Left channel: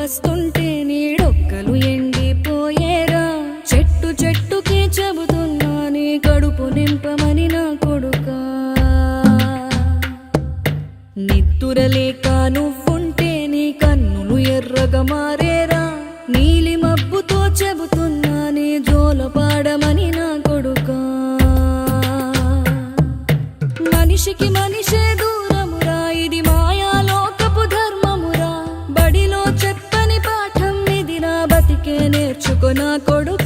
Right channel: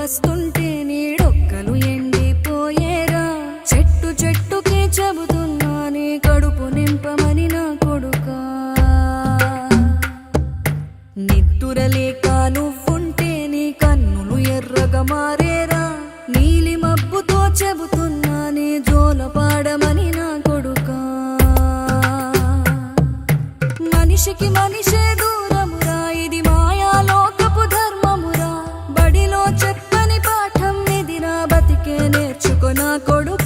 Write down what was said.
వస్తుంటే నీడొక్కలు ఎండిపోయేరా. చెట్టు చెట్టుకి చెబుతున్నా నీ కడుపు నింపమని నా కొడుకా. నిద్దురలేక నువ్వుంటే నీ కన్నులు ఎర్రగా మారేరా. నీలి మబ్బుతో చెబుతున్నా నీ జోల పాడమని నా కొడుకా. మనిషికి మనిషే దూరమురా, ఇది మాయాలోకపు ధర్మమురా. బడిలో చెప్పని పాఠం ఇది, నా బతికే నేర్చుకో నా కొడుకా.